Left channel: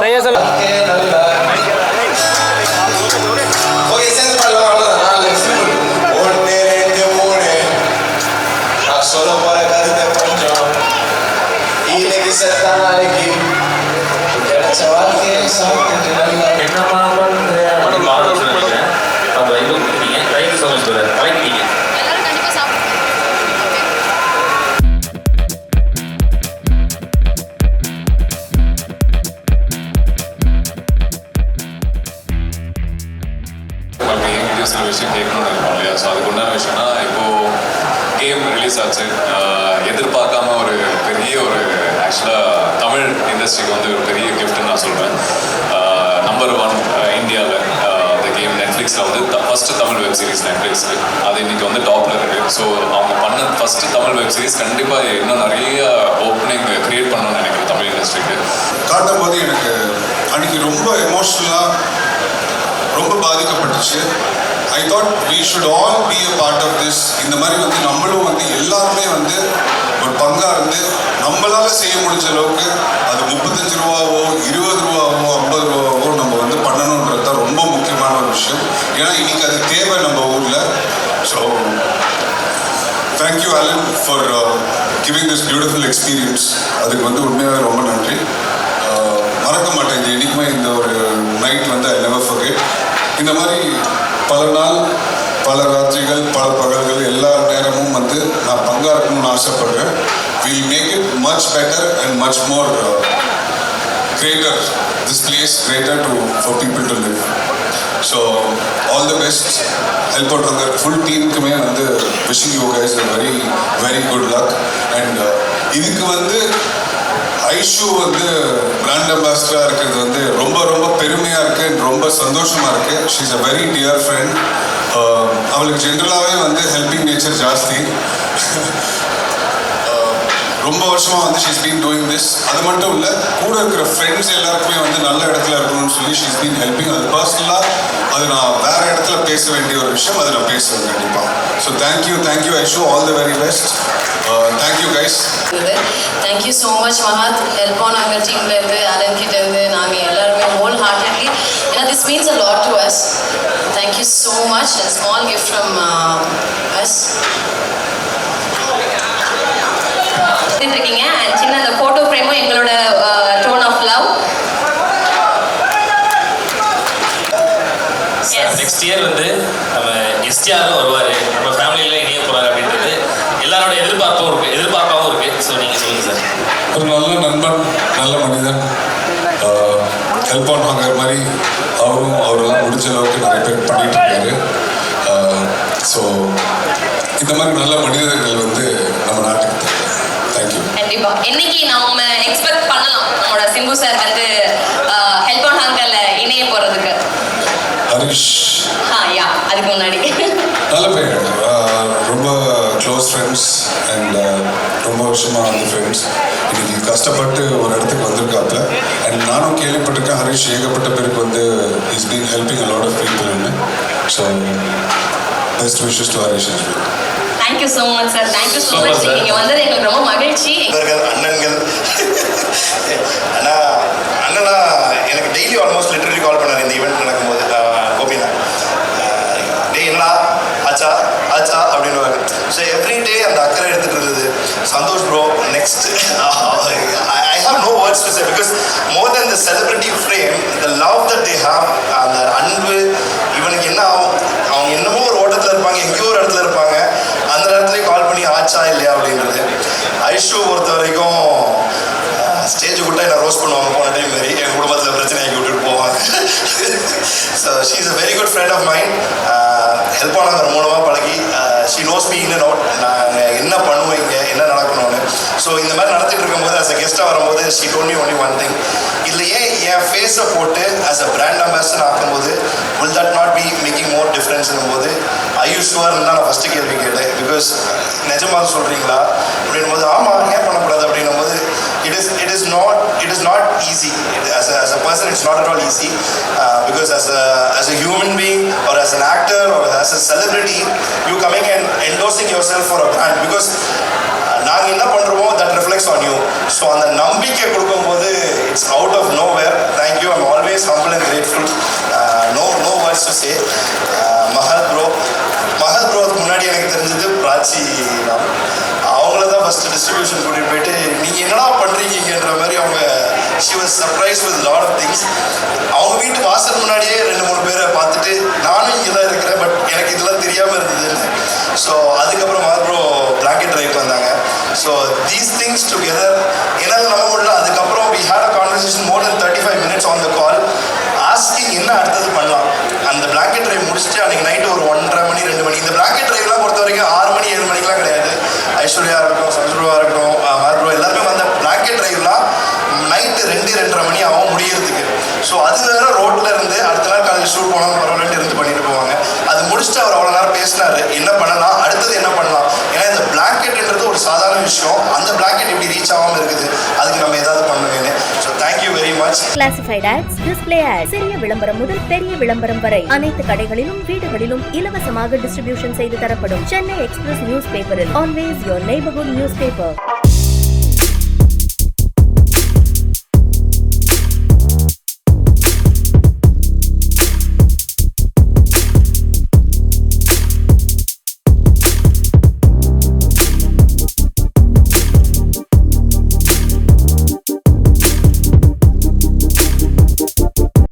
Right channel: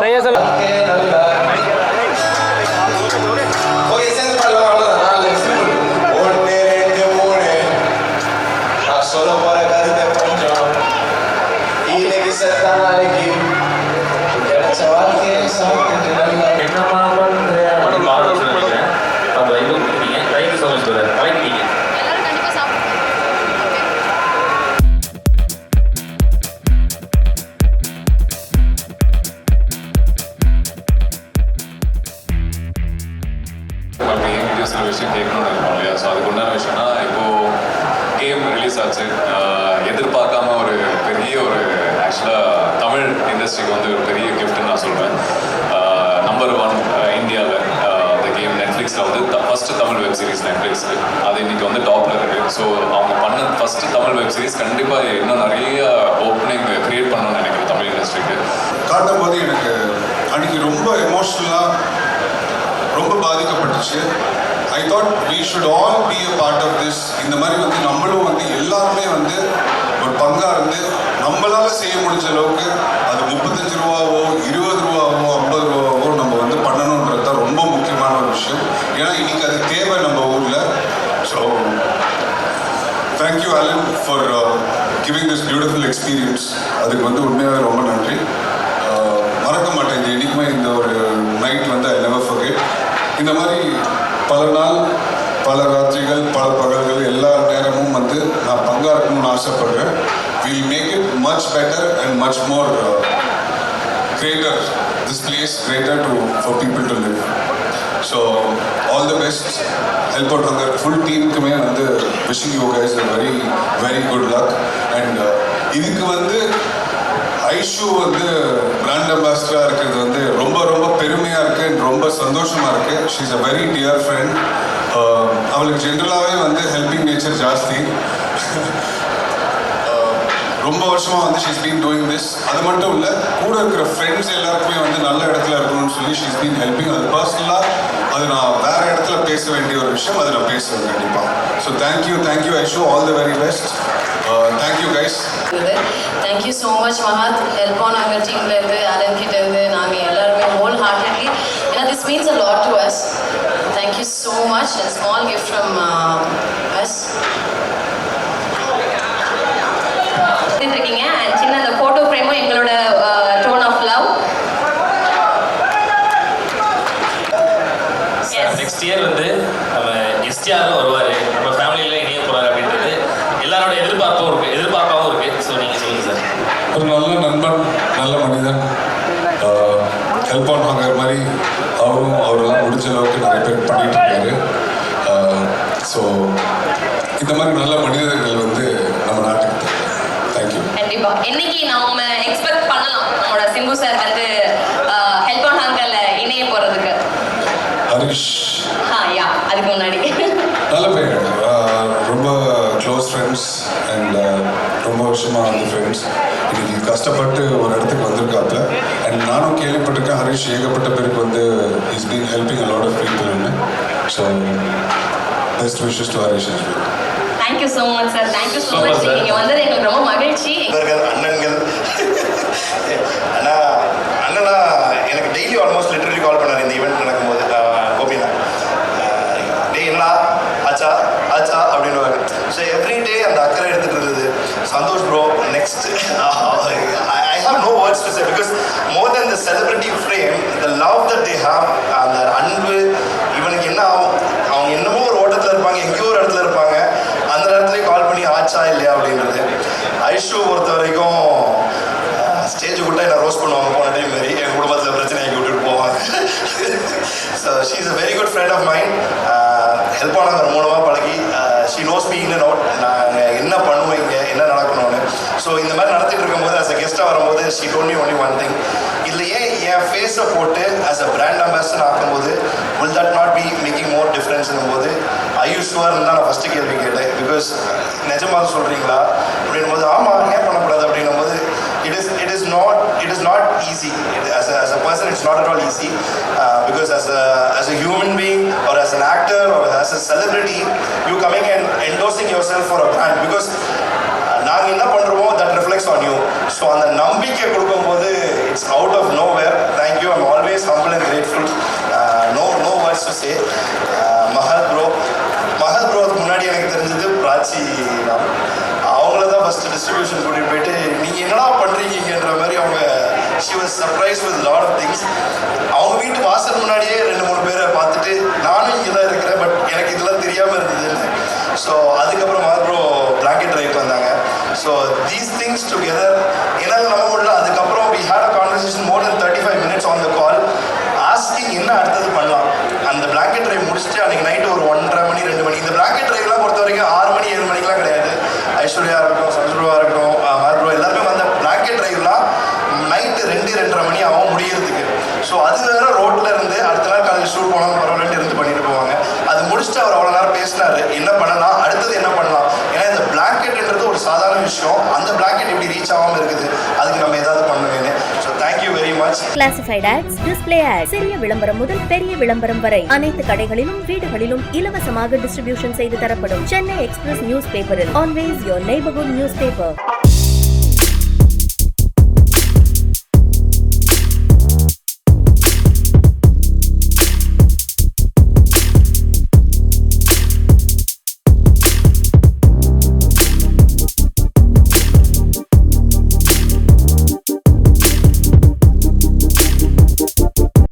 சரியா சொல்ல ஓகே சேர்ந்து பாடலாம் அவ்வளோதான். ஒன்று ரெண்டு மூணு நான் சொல்ல போற கருத்தை கொஞ்சம் இன்னைக்கு செத்தா நாளைக்கு கிடைச்ச வாழ்க்கையை சாப்பிட்டு நல்லா என்னமா பண்றேன் அப்போ இது நீங்கள் ரைட்டு சொல்லுங்க கலக்கிட்டீங்க. சில விஷயம் கேட்கணும்னு இருக்கும் இல்லையா? ஸோ அதுக்கு உண்டான விஷயம்னா இப்போது கேம் ரிலீஸ் ஆச்சு. எதிர்பார்க்காம ஒரு பெரிய ஒரு ஆக்சுவலாக தமிழ் இண்டஸ்ட்ரிக்கு வந்து ஒரு பெரிய கிஃப்ட்னு நான் சொல்கிறேன். நம்பர் 1 இந்தியாவில் இந்த கேம் நெட்ஃப்ளிக்ஸில் வந்து ஃபஸ்ட்டு தமிழ் வெப் சீரிஸ் நெட்ஃப்ளிக்ஸில் அது இன்றைக்கி வந்து டாப்பில் இருக்குது. ஸோ அவங்க பண்ண ஃபஸ்ட்டு தமிழ் வெப் சீரிஸ் கண்டிப்பாக இன்னும் நிறைய ஓப்பனிங் க்ரியேட் பண்ணணும்னு நினைக்கிறேன் தமிழ் இண்டஸ்ட்ரிக்கு. காட்டும் போது எனக்கு அன்றைக்கி ரொம்ப எமோஷ்னலாக ரொம்ப பாதிக்கப்பட்டுச்சு. I thought we should all be a part of this. இந்த மாதிரி வந்து நம்மளும் வந்து எல்லாருமே வந்து ஒரு பங்காக இருந்து நம்மளால் செய்ய முடிஞ்ச அளவுக்கு அது 35 ரூபாவோ 20 ரூபாவோ 50 ரூபாவோ நம்ம வந்து பண்ணணுன்றது தான் ரொம்ப முக்கியமான ஒரு விஷயம். ஏன்னா இன்னைக்கு அது தேவை நம்ம ஊரில். So thank you Alan for giving this beautiful experience. அதுக்கு வந்து உண்மையாக ரொம்ப நன்றி. மறக்க மாட்டேன் இந்த என்றைக்குமே இந்த ஒரு நைட் வந்து ஐ நெவர் ஃபர்கெட். இந்த மாதிரி பல நாள் பல ராத்திரிகள் பல பகல்கள் எல்லா நேரமும் வந்து நான் பங்காக இருக்கணும்னு ஆசைப்படுறேன். Will make it much better and much more greater, this place greater for people to live. So all the best. Help out hunger full டீமுக்குமே வந்து wishing you guys a very very good luck. And இதுக்கு வந்து ஐஷு வந்து brand அம்பாசிடராக இருக்கிறது வந்து ரொம்ப ரொம்ப பெருமையாக இருக்குது, ரொம்ப சந்தோஷமாக இருக்குது. She is a very dear friend. அவளுக்கு ஜென்ரலாகவே வந்து ஹெல்பிங் நேச்சர் ஜாஸ்தி. ரொம்ப வருஷமாக வந்து ஷீஸ் பீன் டூயிங் திஸ். அது மட்டும் இல்லை, கூட இருக்கிற ஃப்ரெண்ட்ஸ் எல்லாருக்குமே வந்து நல்ல இடத்துல இருக்கணும்னு சொல்லி ஷீஸ் பீன் ஹெல்பிங். அது பர்சனலாக அது நான் வேறு இடத்துல பேச வேண்டிய ஒரு விஷயம், அதை நான் பேசுவேன் கண்டிப்பாக. So thank you Aishu, all the very best. Thank you guys. Thank you so much Mahat. Help on hunger டீம்லேருந்து அலன் கிட்டேருந்து நாங்கள் எல்லாருமே ஹோல் ஹார்ட்டட்லி, ஏன்னா this means a lot to us. Thank you so much. A small gift from us. இருக்கீங்க and சின்ன அந்த photo ஃப்ரேமும் எங்களோட token of love. Next year வந்து நம்ம எஸ்டிஆரும் வருவார், நம்ம ஃபேமிலியில் இணைய போகிறார் அப்படின்றது எல்லாரோட எதிர்பார்ப்பாகவும் இருக்குது. ஸோ நீங்கள் சொல்லுங்கள் சார். ஒரு நல்ல நண்பன், நல்ல மனிதன். ஹெல்ப் ஆன் ஹங்கர் மாதிரி அவரெல்லாம் முடிஞ்ச அளவுக்கு நிறைய பேர் பண்ணிட்டு இருக்காரு. ஸோ இந்த மாதிரி நல்ல மனிதர்கள் வந்து நம்ம நாட்டுக்கு தேவை. தேங்க்யூ. கண்டிப்பா இன்னைக்கு நம்ம எக்ஸ்பெக்ட் பண்ணலாம் நம்மளோட சிம்பு சார் வந்து ஹெல்ப் ஆன் ஹங்கர்ல இணைய போறதுக்கு. ஹரிஷ் யா அதுக்கு முன்னாடி நல்ல பேர், ரொம்ப க்ளோஸ் ஃப்ரெண்ட்ஸ் அண்ட் ரொம்ப வருஷமாக வந்து ஃப்ரெண்ட்ஸ். இன்னைக்கு கஷ்டப்பட்டு ஒரு இடத்துக்கு வந்திருக்காப்புல. அண்ட் நானும் கேள்விப்பட்டிருக்கேன் ஹரிஷ் ஏகப்பட்ட பேருக்கு வந்து is been helping a lot of பீப்புள்னு. So best wishes to Harish. Thank you so much sir. Thank you so much. நீங்கள் வந்தது எங்களுக்கு ரொம்ப மகிழ்ச்சி. அண்ணன்கள் அண்ணனா எனக்கு டெய்லி ஆல்மோஸ்ட் லிட்டரலி கால் பண்ணார் இந்த ஈவெண்ட் நடக்கும்போது. கோபினா டே என்னடா ஆச்சா ஆச்சா அப்படின்னு. ஸோ எவ்ரி டே அந்த அக்கறை எடுத்துகிட்டு இருந்தது. Santhosh bro next I have no words to say because more than the celebrity frame, the love that they have, அந்த அன்பு இவனுக்கு என்ன ஆகும், அவங்க என்னமோ ஒரு ஓட்டத்தில் இருப்பாங்க, எங்கேயோ ஒரு இடத்துல இருப்பாங்க, அந்த இடத்துலேயே கால் பண்ணி ஆச்சா இல்லையா அப்படின்றது. ஐஷு பொறுத்த வரைக்கும் ஸ்டேஜ் விட்டா என்ன ரோஸ் பண்ணுவாங்க போன டைம் மாரி, எங்கள் குடும்பத்தில் பிரச்சனை ஆக்கி விட்டுட்டு போவாங்க. So she is a very good friend of mind. Help ஆனாங்க மூலமாக பழகி she knows me in and out. நாங்கள் என்ன பண்ணுவோம் இங்கே என்ன நடக்கணும்னு. ஸோ இந்த மாதிரி நடத்திட்டு இருக்கும்போது ஆஸ் அ கெஸ்ட்டாக வரும்போது she told me only one thing. இதில் ஏன் என் ஃபேஸை போட்டு ஆஸ் அ பிராண்ட் அம்பாசிடர் ஆக்கும்போது will that not be making more டிஃப்ரென்ஸ்னும் போது ஐயூஸ்வர்னு தான் நான் ஃபஸ்ட்டு கேள்வி கேட்டேன். பிகாஸ் நிஜமாக சொல்கிறீங்களா அப்படின்னும் போது ஆமாம் ஏன் பண்ணக்கூடாது அப்படின்னும் போது it is not easy. As a person it's not at all easy because as a human being or as an actor or as a celebrity you coming and endorsing yourself for a brand because நாங்கள் என்ன பண்ணுறோமோ that reflects on you. So அந்த நம்பிக்கை கொடுக்கும்போது it's out of nowhere. Always humble and grateful. No words to say. Mahat ப்ரோக்கு முன்னாடி எனக்கு தெரிஞ்சது பிராச்சி ராம். அவங்கள தான் ஃபஸ்ட்டு டிஸ்ட்ரிபியூஷன் கூட்டிகிட்டு போயிட்டு நீங்கள் என்னடா பண்ணுறீங்கன்ற மாதிரி அவங்க she was surprise with lot of things. அவங்க வீட்டு வாசல் முன்னாடியே 2-3 பேரை பார்த்துட்டு நானும் இங்கே தான் இருக்கிறேன், பட் எனக்கு இதெல்லாம் தெரியாமல் இருந்ததுன்னு. ஸோ அதுக்கப்புறம் மஹத் ப்ரோ பிளாங்கெட் ட்ரைவ் வந்தாங்க. ஸோ தீஸ் திங்ஸ் டுகெதர் என்னால் நம்ப முடியல. அதுக்கப்புறம் we had a conversation more than 35 minutes on the call asking என்ன அடுத்தது பண்ணலாம். அந்த பிளாங்கெட் ட்ரைவ் முடிச்சுட்டு அன்றைக்கி நைட்டு ஒரு 1:30 மணி 2 மணி. இந்த பிளாங்கெட் ட்ரைவ்லாம் பொறுத்த வரைக்கும் 6 மணி 7 மணிக்கெலாம் கிடையாது. ஐஸ்வர்யா இருக்கட்டும், சந்திரபாபா இருக்கட்டும், மஹத் ப்ரோ எல்லாருமே வந்த பிளாங்கெட் ட்ரைவ்லாம் நைட்டு 2-2:30 மணி ஆகும் முடியறதுக்கு. ஸோ அது வேற ரோட்டில் இருந்து அடுத்த நாள் காலையில் ஷூட் போனாலும் பரவாயில்ல இருந்து பண்ணிட்டு போவாங்க. அது முடிச்சுட்டு அவர் அவ்வளோ நேரம் பேசினார், என்ன பண்ணலாம், அடுத்தது என்ன பண்ணலாம். ஏன்னா இந்த பிளாங்கெட்ன்றது ஒரு சாதாரண விஷயம், அந்த பிளாங்கெட் இப்படி ரீச் ஆகாமல் இருக்குது, அதுக்கு நம்ம ஏதாவது பண்ணுவேன்னு. So thank you very much. Classified ads, display ads, சிறிய விளம்பரம் முதல் பெரிய விளம்பரம் வரை அனைத்து கடைகளிலும் வீடுகளிலும் இலவசமாக டிஸ்ட்ரிபியூஷன் செய்து தரப்படும். சென்னை எக்ஸ்பிரஸ் நியூஸ் பேப்பரில் always your neighbourhood news paper.